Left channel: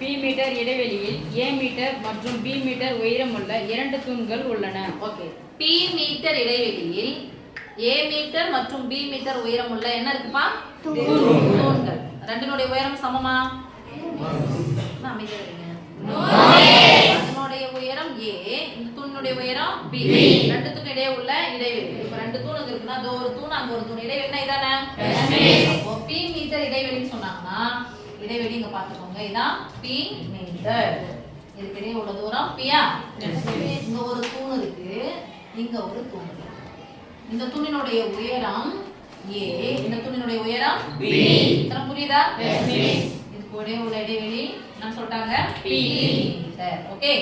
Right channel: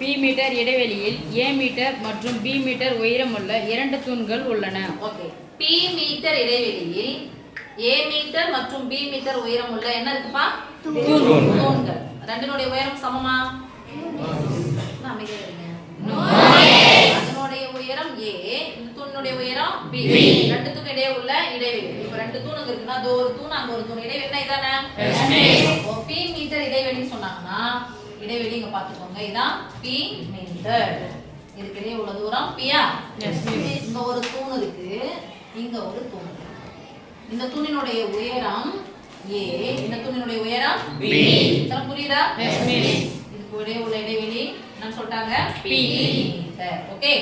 B metre இடைவெளியில் ஏ metre மற்றும் B metre உயரமுள்ள 2 தூண்கள் உள்ளன. ஓகே, பி மீட்டர் இடைவெளியில் ஏ மீட்டர் மற்றும் பி மீட்டர் உயரமுள்ள என்ன இருக்குப்பா? தூண்கள். ரெண்டினுடைய உயரம் சமமா? அதனுடைய உயரம் ஏ, இந்த தூணினுடைய உயரம் பி. ரெண்டுத்துக்கு இடையே உள்ள இடைவெளி. இப்ப 2 தூணுங்க இருக்குன்னா அது ஒரு தூண் அங்க ஒரு தூண், இடைவெளி இதானே? பி மீட்டர் இடைவெளின்னு சொன்னாங்கன்னா இடைவெளி இங்க பாத்துக்கோங்க, இதான் பி மீட்டர். இதுக்கு இடையே உள்ள தூரம் பியா. இங்க ஒரு தூண் இருக்கு, இங்க ஒரு தூண் இருக்கு. இந்த தூணினுடைய உயரம் ஏ, இந்த தூணினுடைய உயரம் பி. இதெல்லாம் புரியுதா? இதுக்கு ஒரே உள்ள இடைவெளி என்ன சொல்லிட்டாங்க? B metre. ஓகே,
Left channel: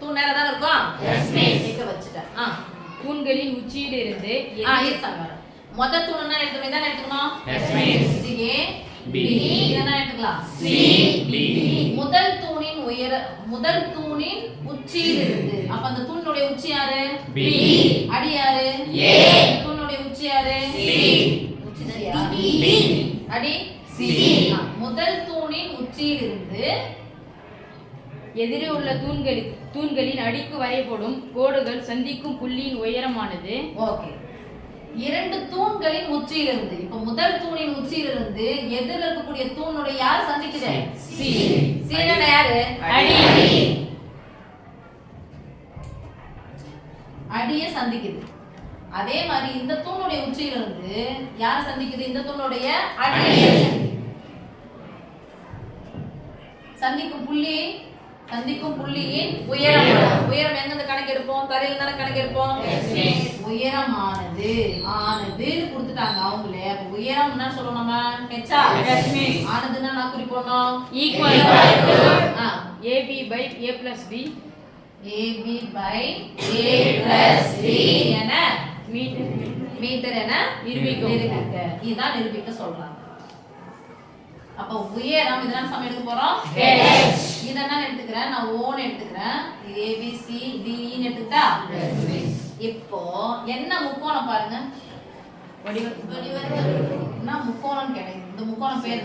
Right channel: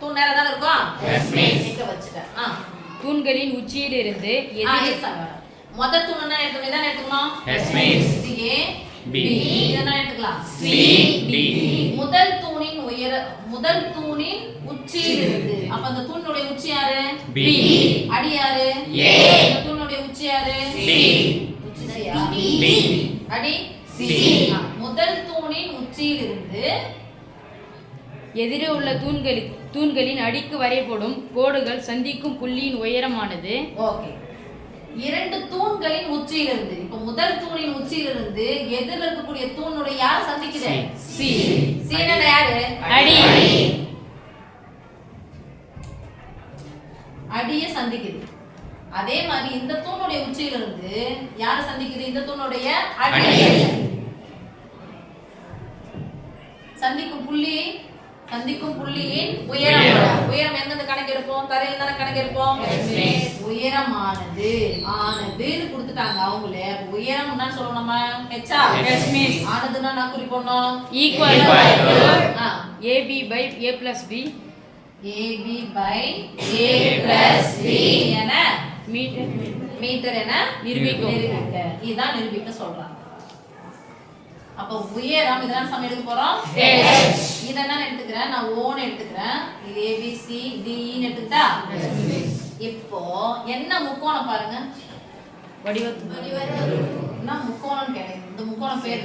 தூண் நேரா தான் இருக்கும். இங்க வச்சிட்டேன். தூண்களின் உச்சியிலிருந்து மொத தூண் என்ன எடுத்துக்கணும்? இதான் எடுத்துக்கணும். இது ஏ, பி. இதெல்லாம் எடுத்துக்கலாம். C, D. முதல் தூணின் உச்சியிலிருந்து, அப்ப அந்த தூணினுடைய உச்சி யாரு? பி. அடி யாரு? ஏ. அந்த தூணினுடைய உச்சி யாரு? சி. உச்சி யாரு? டி. அடி சி. முதல் தூணின் உச்சியிலிருந்து எதிரே உள்ள தூண்களின் அடிக்கு வரையப்படும் கோடுகள் சந்திக்கும் புள்ளியின் உயரமானது. ஓகே, 2 தூண்களின் உச்சியிலிருந்து, இப்ப முதல் தூணின் உச்சியிலிருந்து எதிரில் இருக்கக்கூடிய தூணுடைய யார் சந்திக்குது? சி. சீன யாரு? அடி. அடிய சந்திக்குது. அதே மாதிரி இந்த தூணுடைய உச்சியிலிருந்து யார சந்திக்குது? இந்த தூணுடைய அடி. சந்திக்கும் புள்ளியின் உயரம். உயரம் எங்க கணக்கு எடுப்போம்? தரையில் தானே கணக்கு எடுப்போம். உயரமானது ஆனதுன்னு கொடுத்துட்டாங்க அவங்களே. அப்ப உயரம் என்ன சொல்லணும்? நம்ம ஹெச்சா. ஆனதுன்னா நான் குறிப்போம் equal to AB by A plus B. AB by A plus B என மீட்டர் என நிரூபிக்க. இதுதான் நிரூபிக்க சொல்றாங்க. அப்ப உயரம் இதெல்லாம் சம எடுக்க போறோம். இதெல்லாம் எடுத்துக்கிறேன், நான் ஓன் எடுத்துக்கிறேன். இது A B C D ன்னு எடுத்துட்டா. இப்போ என்ன முக்கோணம் பாருங்க? என்ன முக்கோணம் கேட்டேன். இந்த முக்கோணம் பேர்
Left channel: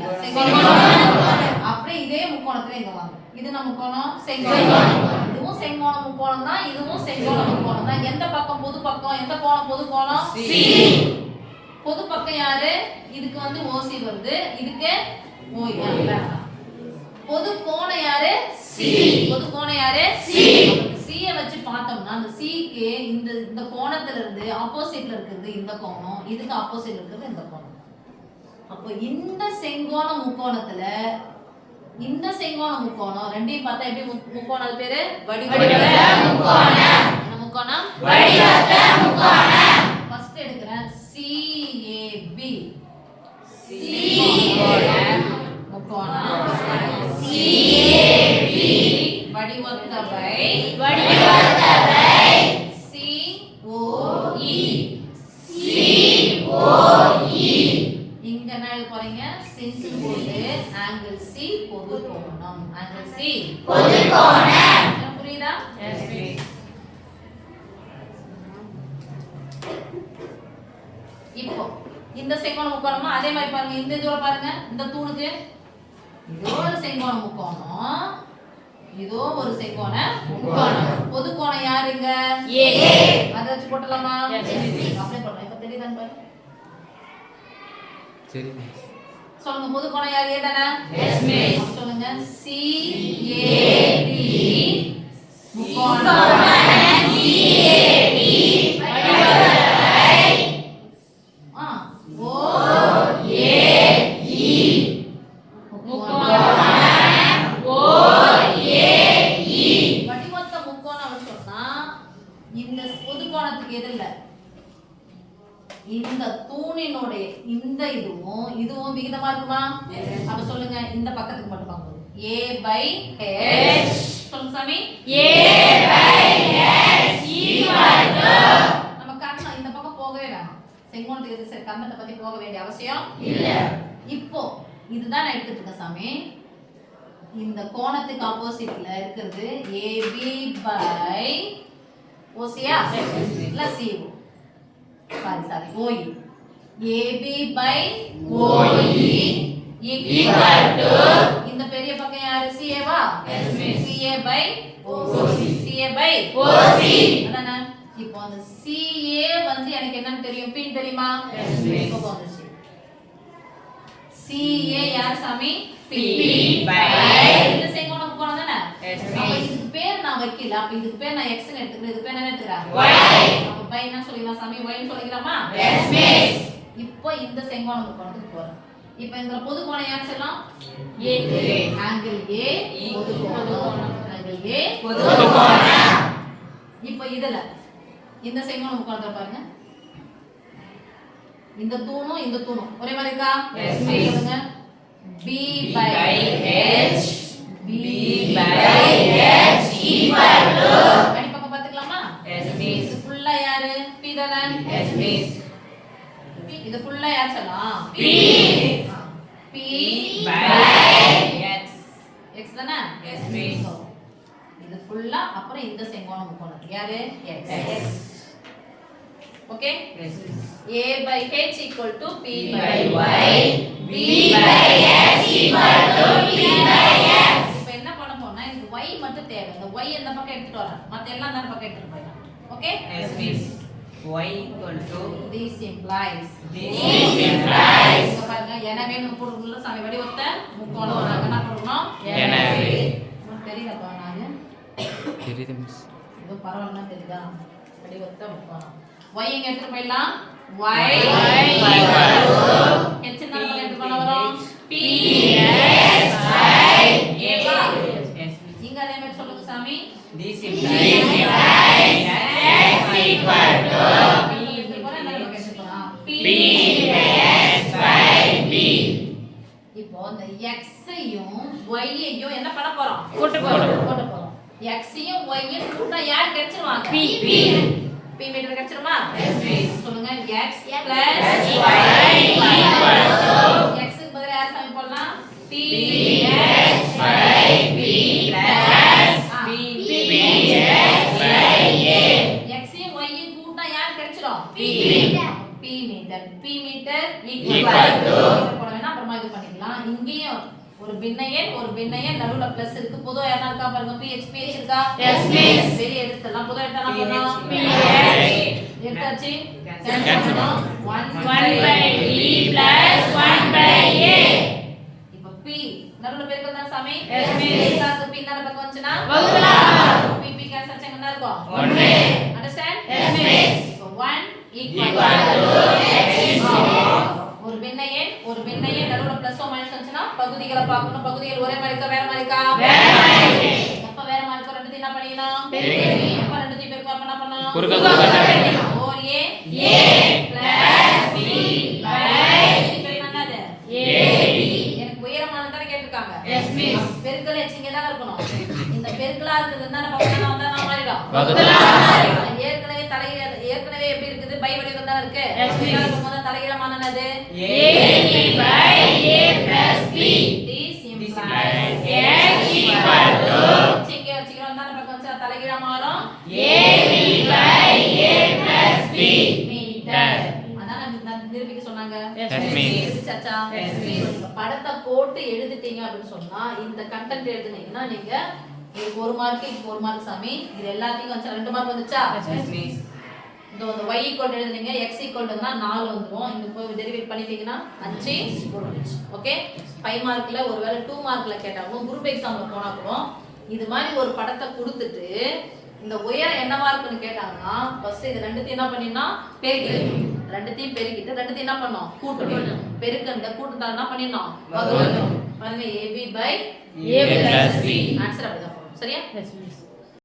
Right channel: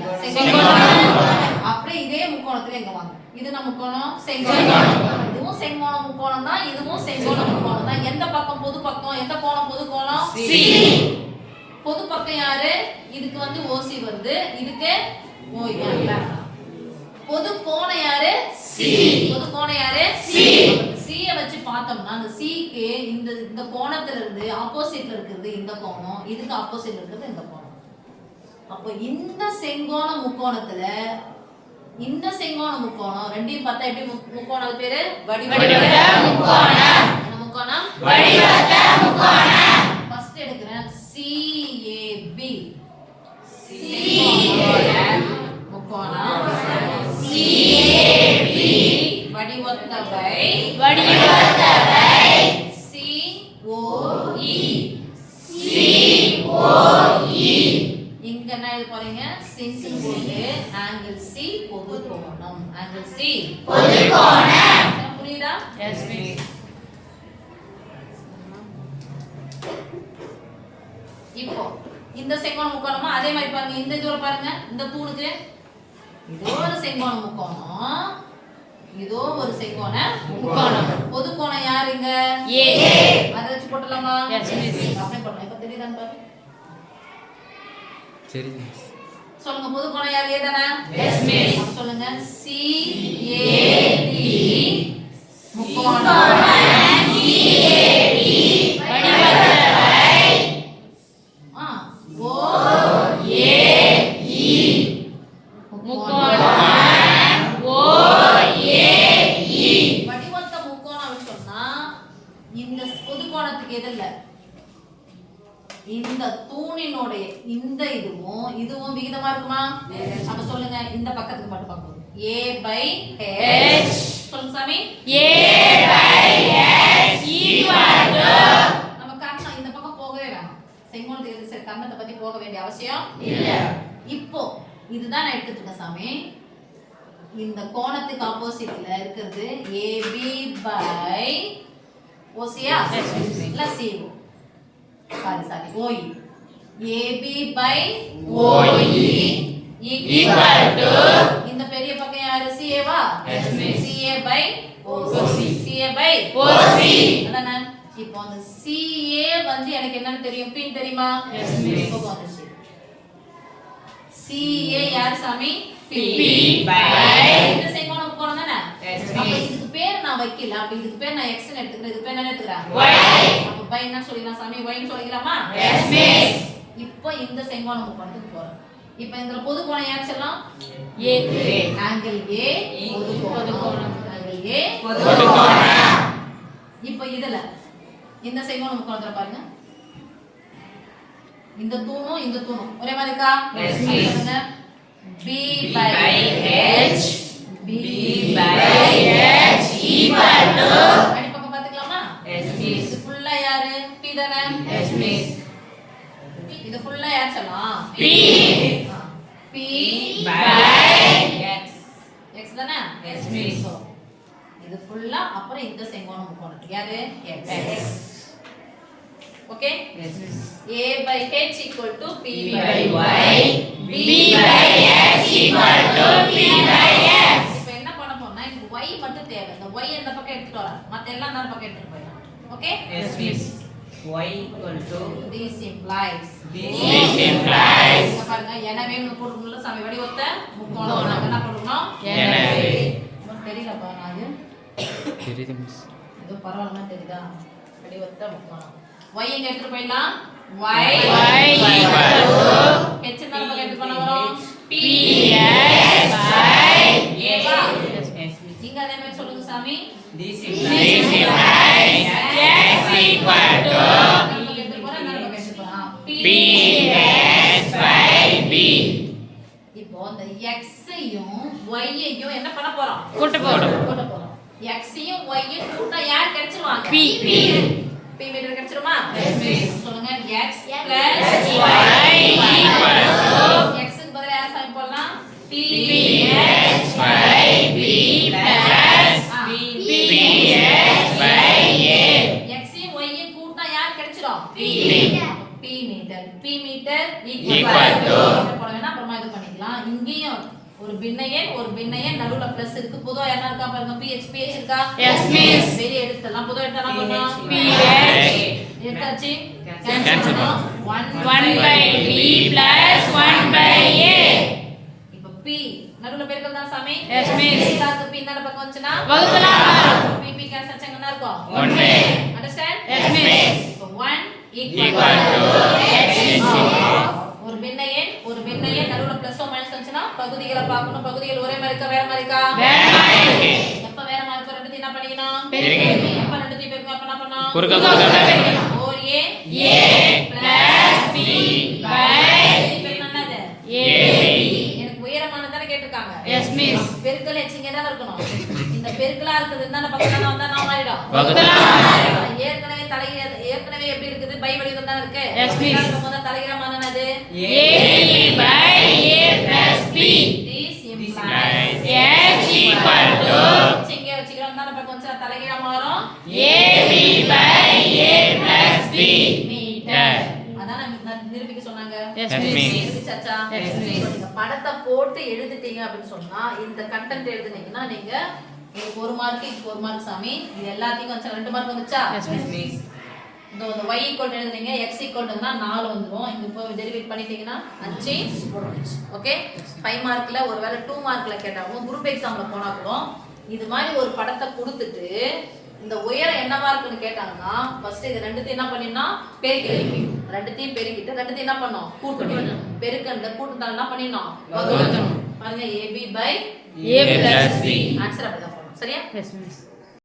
அப்படியே இதே முக்கோணத்துல இங்க வாங்க. இது நம்ம முக்கோணம் செங்கோணம். இதுவும் செங்கோண முக்கோணம் தான், இதுவும் செங்கோண முக்கோணம் தான். எந்த பக்கம் பொது பக்கம்? எந்த கோணம் பொது கோணம்? சி. பொது பக்கம் யாரு? இதுக்கு வந்து ஓசி வருது, இதுக்கு ஓய். பொது கோணம் யாரு? சி. பொது கோணம் யாரு? சி. சியை வச்சு பார்த்தோம்னா அந்த சிக்கு இந்த கோணத்துல இருந்து ஆப்போசிட்ல இருக்கிறது இந்த கோணம், இதுக்கு ஆப்போசிட்ல இருக்கிறது இந்த கோணம். அப்போ இந்த செங்கோண முக்கோணத்துல இந்த செங்கோண முக்கோணம் ரெண்டையும் பார்த்தா எப்படி முக்கோணம்? அது பேரு வடிவத்த முக்கோணம். என்ன முக்கோணம்? வடிவத்த முக்கோணம். ஃபர்ஸ்ட் எடுக்கிறேன் CAB. முக்கோணம் CAB வடிவத்த பை COE. இங்க என்ன எழுத போறீங்க? சிங்கிள் போட்டு ஆங்கிள் C பொது கோணம். ஆங்கிள் C பொது கோணம். புரியுதா? Yes please. இப்போ இந்த செங்கோண முக்கோணமா அதே மாதிரி பாருங்க. இந்த தூரம் பாருங்க, இந்த தூணுக்கு இதோ ஒரு செங்கோண முக்கோணம், இதோ ஒரு செங்கோண முக்கோணம். பொது கோணம் யாருங்க? ஏ. அத வச்சு போடலாமா? Yes miss. அப்படியே போடலாம். இப்ப தெரியுதான்னு பாருங்க. சரி மிஸ். சொல்லுங்க, பொது கோணம் யார்? ஏ தானே? Yes miss. சொல்லுங்க, CAD முக்கோணம் CAD இந்த தூணினுடைய இந்த இதுவும் விகிதமா இருக்குமா? அப்ப சொல்லுங்க, இந்த பக்கத்துக்கு மட்டும் பார்க்கணும். A/H. சொல்லுங்க சாமி. A/H ஈக்குவல் டு நம்ம கர்ணம் இந்த பக்கம் போகவே வேண்டாம். செங்கோணத்துக்கு சரி கர்ணத்தை பத்தி போக வேண்டிய அவசியம் இல்ல. இப்போ இதுதான் நான் எடுத்துட்டு இருக்கேன் சாமி. இந்த கோணத்துக்கு ஆப்போசிட்ல இருக்கிறது AB by OCயா இல்ல CO? Sorry OE. AB by OE equal to இந்த பெரிய பக்கம் யாரு? by OC. CA by OC. அதானே இப்போ அந்த CA வந்து எனக்கு என்னன்னு தெரியும் P தெரியுமா Yes, miss. இப்போ வந்துச்சு CA யார் சாமி P by இந்த செங்கோண முக்கோணம் தானே Yes, அப்ப miss. இதுக்கு பேர் நான் வைக்கல அப்ப இதுக்கு பேர் நான் x ன்னு எடுத்துக்கிறேன் இதுக்கு பேர் என்ன எடுத்துக்கிறேன் Y. அப்ப by என்ன சொல்லிடலாம் சாமி y ன்னு சொல்லிக்கலாமா Yes, miss. இப்போ இந்த செங்கோண முக்கோணத்துக்கு போறோம் இப்போ இந்த பொது கோணம் யார் சொல்லலாம் A. ஆங்கிள் A பொது கோணம் ஆங்கிள் A பொது கோணம். இப்போ இதுல இந்த செங்கோண முக்கோணத்துல பாருங்க இந்த தூணும் இந்த தூணும் ஒரே மாதிரி இருக்கா Yes, miss. சொல்லுங்க B by by H. B by H equal to. அடி பக்கம் பாத்துக்கலாமா Yes, miss. இது ஃபுல்லா யாரு P தானே Yes, miss. இது ஃபுல்லா யார் சொல்லலாம் P. P by X. x தானே Yes, miss. So, இது ஃபுல்லா அப்புறம் இந்த செங்கோண முக்கோணம் யாரு x okay Yes, miss. a by h equal to p P by Y. B by X equal to P by X. இப்போ என்ன பண்ண போறோம்னா இந்த y மட்டும் தேவை இந்த y இந்த பக்கம் எடுத்துட்டு வரேன் மத்த எல்லாம் அந்த பக்கம் எடுத்துட்டு போயிடலாம் okay Yes, miss. Y equal to. this implies This implies. இங்க பாருங்க எனவே முப்பொருளுள்ள சம வடிவத்தை முக்கோணம் நாம என்ன பண்ணனும் எனவே. உங்களுக்கு தெரியலப்பா நானு தெரியுது மிஸ். இது பரவாயில்லைன்னா தெரியுதா வடிவத்தை முக்கோணம் y எங்க எடுத்துட்டு போயிடலாம் y equal to. h என்ன பக்கம் எடுத்து பண்ண வரோம் p X by A வா? Yes, miss. நீங்க அதே மாதிரி சொல்லுங்க சாமி This implies X equal to P X by B. இப்போ இந்த x ஐயும் y ஐயும் என்ன பண்ண போறோம் கூட்ட போறோம். கூட்ட போறோம் x ஐயும் y ஐயும் கூட்டா யார் கிடைச்சிருவாங்க P. p மீட்டர் கிடைச்சிருமா Yes, miss. சொல்லுங்க x X plus Y equal to. x க்கு பதிலா யார் சாமி போடலாம் p X by B plus P X by A. x ஐயும் y ஐயும் கூட்டா யார் கிடைச்சிரும் P. p metre p metre Equal equal to. போட வேணா அப்புறமா இது பண்ணிக்கலாம் இங்கேயும் ஒரு பின்ன எண் நடுவுல பிளஸ் இருக்கு பொதுவா என்ன இருக்கா பாருங்க ph இருக்கா Yes, miss. வெளிய எடுத்துடலாம் பொதுவா எடுத்தா என்ன பண்ணலாம் PH. எடுத்தாச்சு Cancel கேன்சல் பண்ணோம். பண்ணோம் 1 by B plus 1 by A. இப்போ p நடுவுல பெருக்கல் தான் சாமி Yes, miss. சாக்கு p இந்த பக்கம் வந்துச்சுனா வகுக்கலாம். p கேன்சல் ஆச்சு என்ன இருக்கும் 1 அண்டர்ஸ்டாண்ட் Yes, miss. இப்போ 1 Equal to X ஒரு பின்ன எண் நடுவுல பிளஸ் ஓ மைனஸ் வந்துச்சுனா பகுதிகளை பார்க்கணும் பகுதிகள் ஒரே மாதிரி இருக்கா வேற மாதிரி இருக்கா எப்ப வேற மாதிரி இருக்கா ரெண்டுத்தையும் என்ன பண்ணிக்கணும் பெருக்கணும். எப்ப ரெண்டுத்தையும் பெருக்கணும் அப்ப என்ன பண்ணணும் குறுக்க குறுக்க. 4a A plus B by என்னது AB. எனக்கு உயரமானதானே கேட்டிருக்காங்க Yes, miss. பெருக்கல் எச்சிங்க தான் இருக்கணும் இந்த பெருக்கலா இருக்குது என்ன பக்கத்துல வந்தா நான் மாறிடும் வகுக்கலாம். ஏற்கனவே எப்படி இருக்குது பை வடிவம் தான் இருக்கு Yes, miss. முதல்ல தலைகீழமானது AB by A plus B. this This implies implies X equal to இங்க வச்சுக்கிறோம் தான் பக்கம் வச்சா தலைகீழா மாறும் AB by A plus B. Metre அதான் நான் நிரூபிக்க சொன்னாங்க Yes, Yes, miss. miss. எழுதிச்சாச்சா Yes, So, miss. நீங்க படத்தை போட்டு எழுதிட்டீங்க அப்படின்னு சொன்னா இந்த கண்டென்ட் எழுதுனீங்கன்னா நீங்க இதுக்கு 1 மார்க் இதுக்கு 1 மார்க் சாமி இது எல்லாத்துக்கும் வந்து 2 மார்க் வந்துச்சா Yes, miss. இந்த y ஈக்குவல் எழுதுனீங்க x ஈக்குவல் 4 வந்துரும் இந்த போய் டெரிவேட் பண்ணிட்டீங்கன்னா 5 முடிஞ்சு ஓகே 5 மார்க்ல ஒருவேளை 2 மார்க்ல கேட்டாலும் குரூப் எக்ஸாம்ல போனா கூட இது மாதிரி ஒரு படத்தை கொடுத்துட்டு இந்த உயரம் என்னவா இருக்குன்னு கேட்டாங்கன்னா ஃபர்ஸ்ட் இது ரெண்டுத்தையும் என்ன பண்ணினா பெருக்கணும் ரெண்டுத்தையும் பெருக்கிட்டு ரெண்டுத்தையும் என்ன பண்ணோம் கூட்டணும் பெருக்கண்ட கூட்டத்தால என்ன பண்ணினோம் வகுக்கணும் பாருங்க ab by A plus B. Answer அப்படிதான் போடணும் சரியா Yes, miss.